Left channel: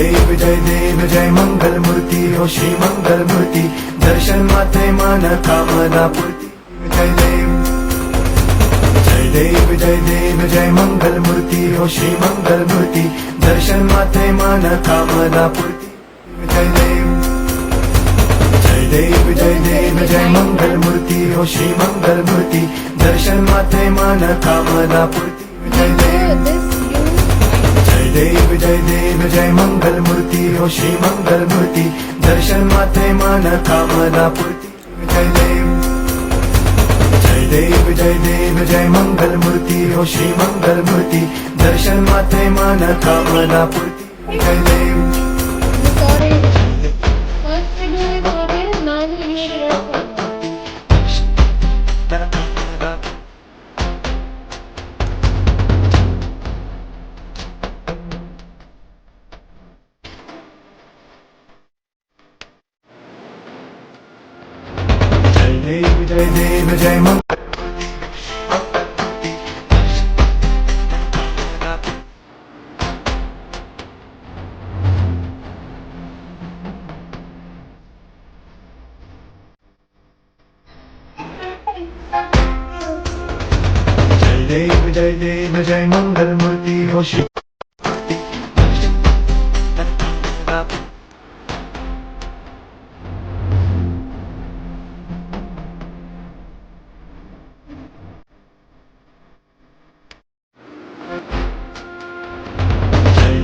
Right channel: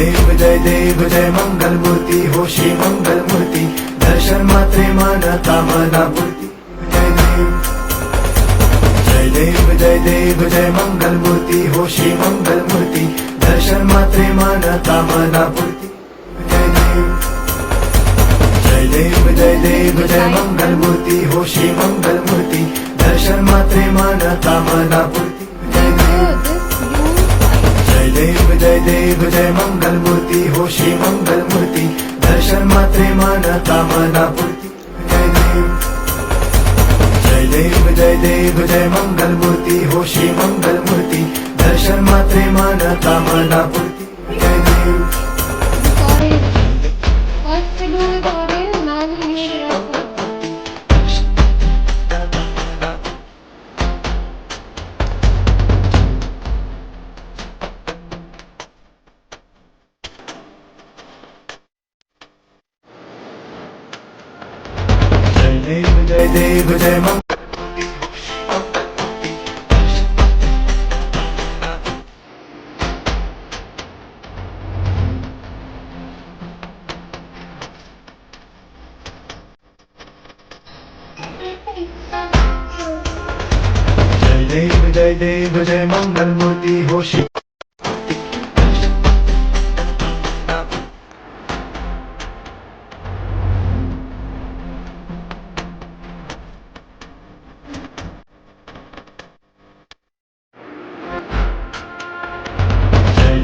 देव जय मंगल मूर्ती हो श्री मंगल मूर्ती दर्शन मात्रे मन कामना पूर्ती जय देव जय मंगल मूर्ती हो श्री मंगल मूर्ती दर्शन मात्रे मन कामना पूर्ती जय देव जय मंगल मूर्ती हो श्री मंगल मूर्ती दर्शन मात्रे मन कामना पूर्ती जय देव जय मंगल मूर्ती हो श्री मंगल मूर्ती दर्शन मात्रे मन कामना पूर्ती जय देव जय मंगल मूर्ती हो श्री मंगल मूर्ती दर्शन मात्रे मन कामना पूर्ती Sorry. What to do with order? Man here. जय देव जय मंगल जय देव जय मंगल मूर्ती हो श्री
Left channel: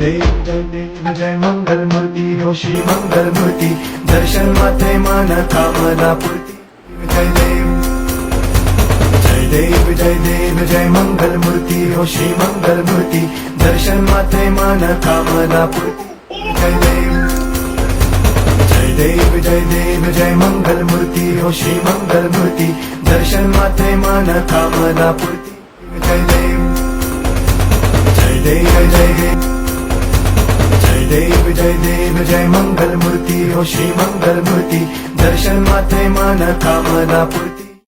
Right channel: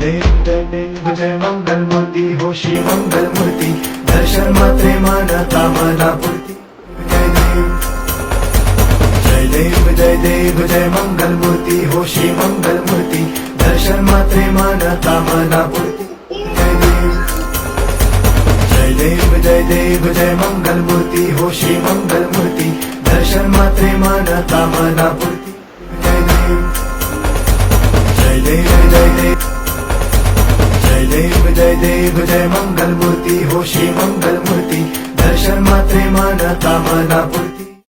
देव जय मंगल मूर्ती हो श्री मंगल मूर्ती दर्शन मात्रे मन कामना पूर्ती जय देव जय मंगल मूर्ती हो श्री मंगल मूर्ती दर्शन मात्रे मन कामना पूर्ती जय देव जय मंगल मूर्ती हो श्री मंगल मूर्ती दर्शन मात्रे मन कामना पूर्ती जय देव जय मंगल मूर्ती हो श्री मंगल मूर्ती दर्शन मात्रे मन कामना पूर्ती